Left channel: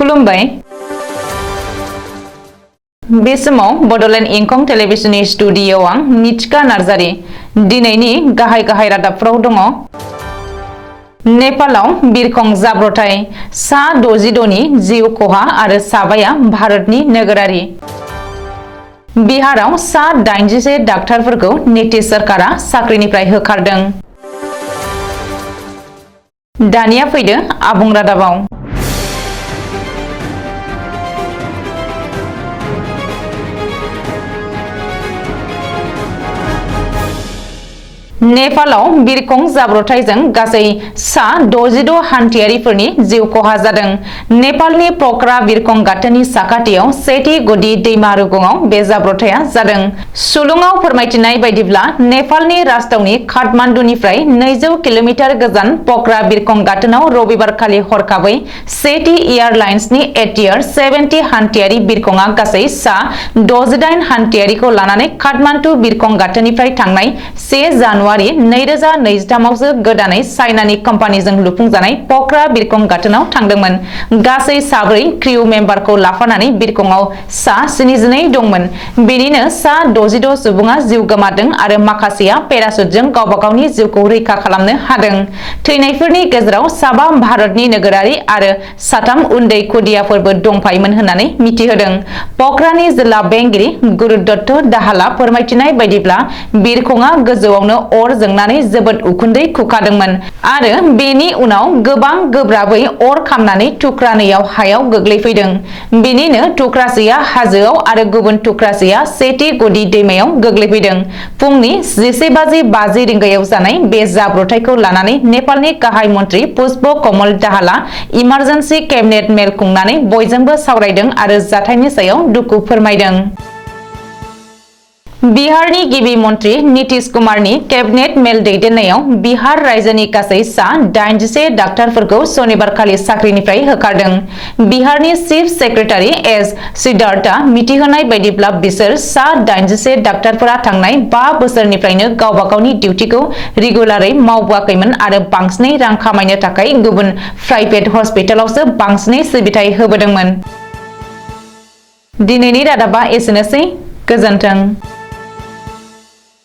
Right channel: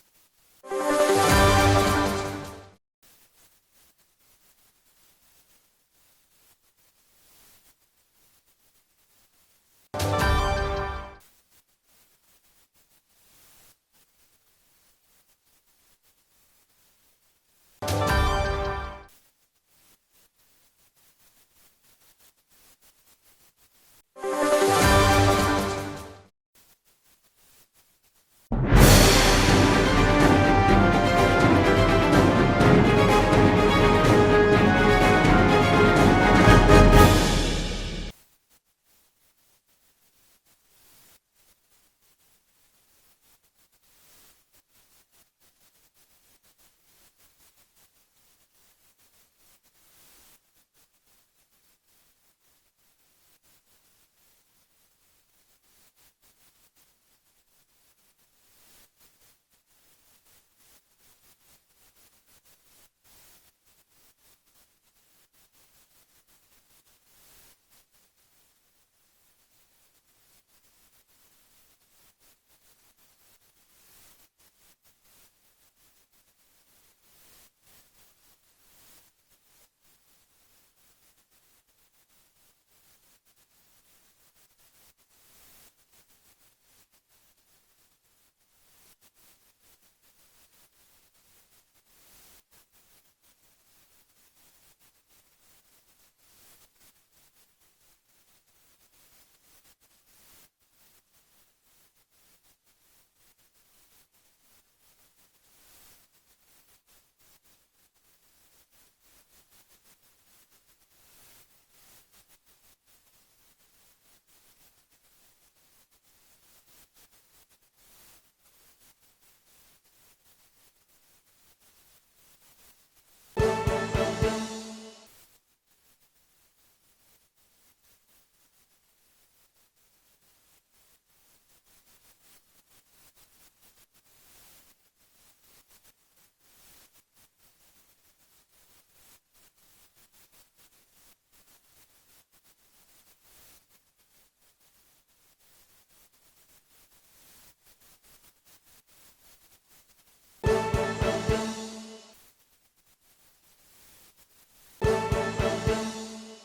खुलुमबाय बे समाव बडोलेण्ड इंखं टेलिभिजननि स्टुडिय'आव आं मिथिका नार्जारी दिनैनि गाहाय रादाबफोराव दङ। नेपालाव बिरखं जाब्रबथाय सा 66 नि जिउ खहा आरो साबाया भारतनि नोगोरारि। बिहाराव सा 81 डाक्टारफोरखौ नीतीश सरकारा साख्रिनिफ्राय होखारदों। दानिया फैदो आबुं रादाबाव। नेपालाव बिरखं जाब्रबथायजों गासै सा 66 हान्थियारिफोरनि जिउ खहा जादों। नेपालनि पोखरा बिरखं गाथोननि साखाथियाव सेथि गुदि दैमा रुगुङाव बे जाब्रबथाया जादों। सुलुङाव फोरमायथिनाय बायदिब्ला नेपालनि राजथावनि काठमान्डुनिफ्राय 200 किल'मिटार गोजान पोखरा बिरखं गाथोनाव रबिबारखालि हरखाबै सेथि एयारलाइन्सनि एटियार 70 हान्थियारि बिरखंआ गासै सा 68 हान्थियारिखौ लानानै काठमान्डु बिरखं गाथोननिफ्राय थांनाय 1 जानुवारि 2023 आवसो गोदानै चाइनानि कम्पानिजों लुफुंजानाय पोखरा बिरखं गाथोनाव थांदोंमोन। गासै 4 क्रिउ मेम्बारखौ लाफानानै बिरखंआव सा 72 दंमोन। बेनिनो सा 66 सुबुङा जिउ गोमादों आरो माखासेया पेराशुटजों गावबा गावनि जिउखौ रैखा खालामनो हादों। थैनायफोरनि गेजेराव 7 भारतनि नोगोरारि आरो 3 उन्दै खुदियाफोरबो दंफायोमोन होननानै मिथिहोदों। पोखरानि जिल्ला बेंगिरि गुरुदत्त दाहालआ फोरमायथिनाय बायदिब्ला बिरखंआ गोजौआवनो अर जोंनानै जोबोद उखुन्दै खुखादोंमोन आरो बेनि उनाव गोबां गोब्राबै अर खामनानै थुख्रानैयाव हायाव गोग्लैफैदों। बेनिनो थुख्रासेया हाजोआव आरो गुबुन थुख्रासेया सेथि गुदि दैमायाव गोग्लैफैदों। फुंनि 11:50 रिंगायाव जानाय बे जाब्रबथायखौ लानानै नेपालनि गाहाय मन्त्रि पुष्प कमल दाहालआ इमार्जेन्सि केबिनेट मेल खुंनानै बयजोंबो सावरायदों आरो जाथायनि सायाव दुखु फोरमायदों। बिहारनि गिबि मन्त्रि नीतीश कुमारनि केबिनेट मेल दैदेननायाव बिहार रायजोनि गासै सा 81 डाक्टारफोरखौ सनिबारखालि साख्रिनिफ्राय होखारदों। बिहारनि चीफ सेक्रेटारि एस सिद्धार्थआ मिथिहोनाय बायदिब्ला बिसोर सा 81 डाक्टारफोरा थांनाय 5 बोसोरनिफ्रायनो गावबा गावनि डिउटिखौ रेगुलारै मावबोआखैमोन आरो बांसिनै रां खामायनो थाखाय गुबुन प्राइभेट हस्पिटालावसो बांसिनै सिबिथाय होबोदोंमोन। दिनैनि रादाबा एसेनोसै। गोजोन्थों।